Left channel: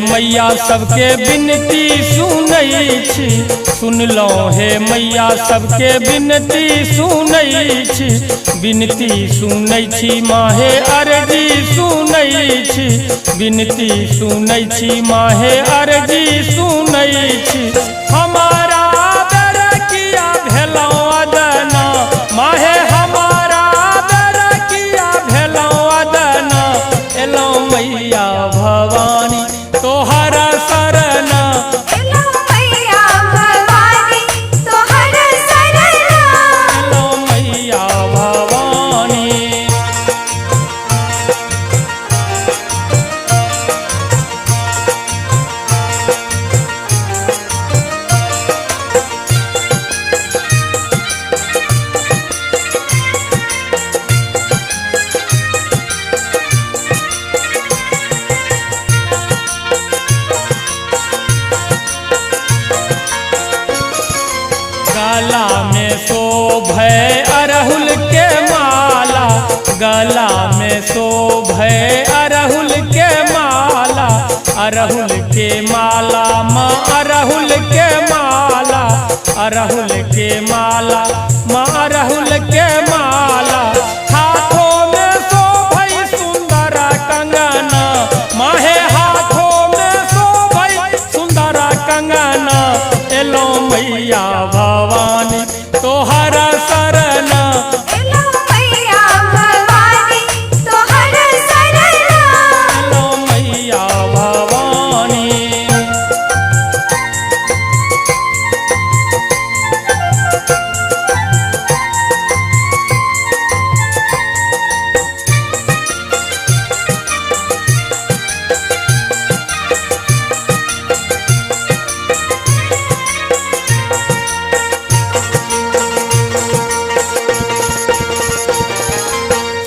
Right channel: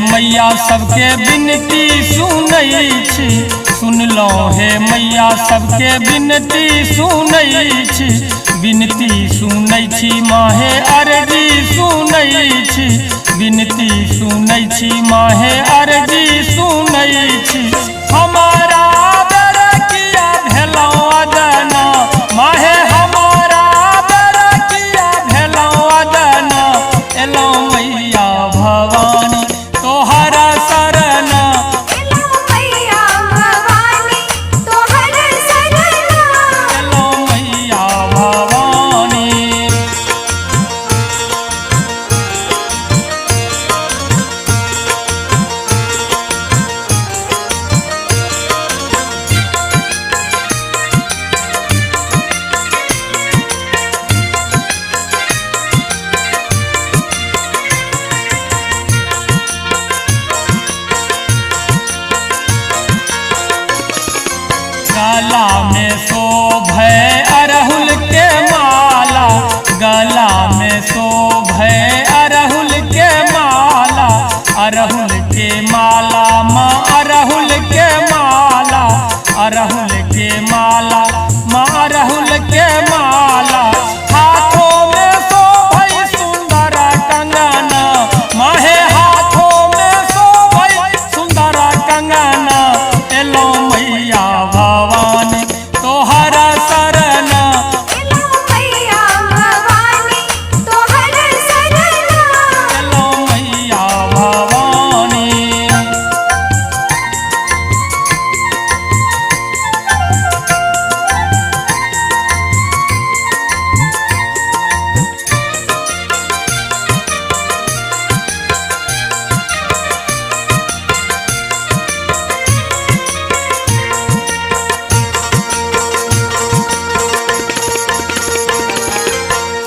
मैया सबके बिनती सुनै छी, सुन लो हे मैया सबके बिनती सुनै छी, बिनती सुनै छी माहे अर्जी सुनै छी, बिनती सुनै छी माहे अर्जी सुनै छी। हमारा बेर किया भेलौ अदना माहे, हमारा बेर किया भेलौ अदना, एलौ मैया भवानी तोहरा शरणा, एलौ मैया भवानी तोहरा शरणा, एलौ मैया भवानी। गला में शोभे अरहुल के माला, गला में शोभे अरहुल के माला, अरहुल के माला माँ अरहुल के माला, अरहुल के माला माँ अरहुल के माला। हाथों में शोभे सुंदर कंगना माहे, हाथों में शोभे सुंदर कंगना, एलो मैया भवानी तोहरा शरणा, एलौ मैया भवानी तोहरा शरणा, एलो मैया भवानी।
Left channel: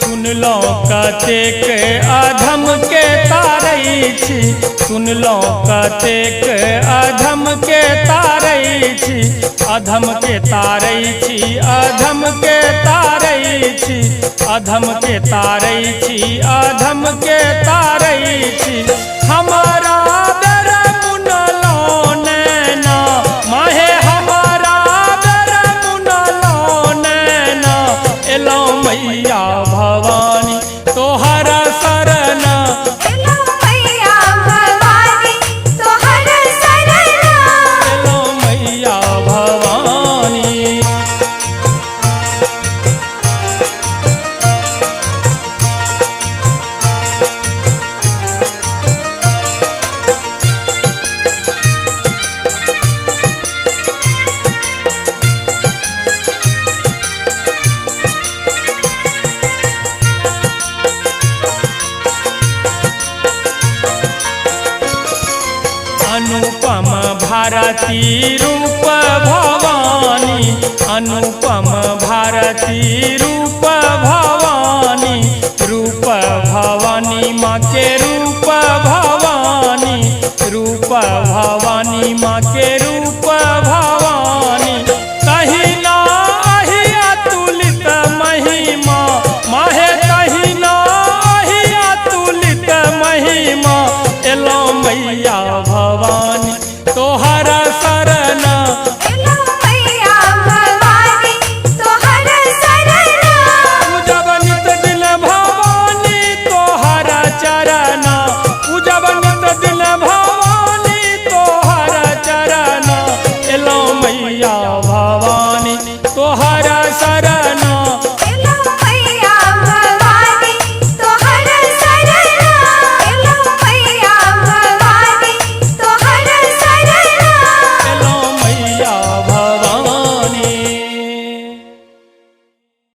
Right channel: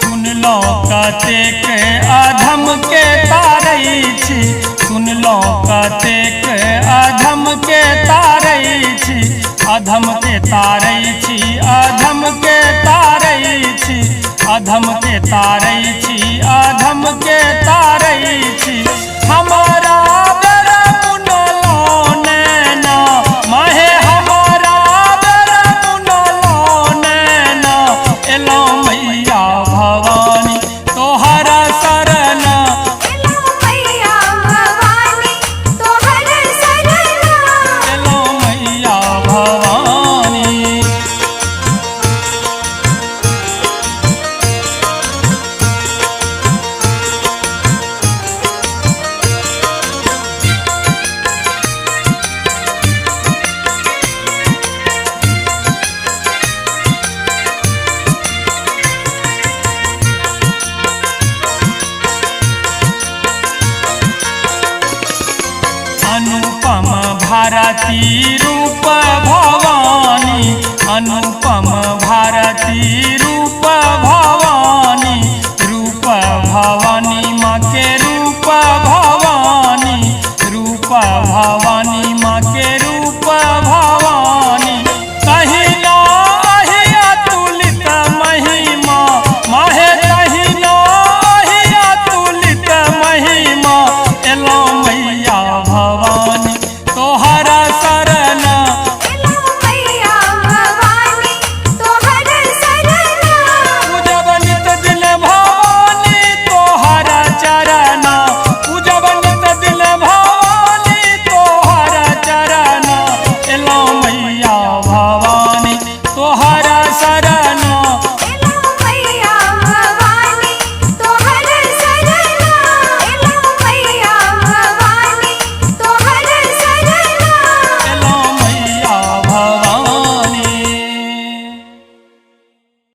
सुन लो कतेक अधम के तारै छी, सुन लो कतेक अधम के तारै छी, अधम के तारै छी, अधम के तारै छी, अधम के तारै छी, अधम के तारै छी। हमारा बेर मुनलो नैना माहे, हमारा बेर मुनलो नैना, एलो मैया भवानी तोहरा शरणा, एलौ मैया भवानी तोहरा शरणा, एलो मैया भवानी। अनुपम भारती रूप भवानी, अनुपम भारती रूप भवानी, रूप भवानी माँ के रूप भवानी, रूप भवानी माँ के रूप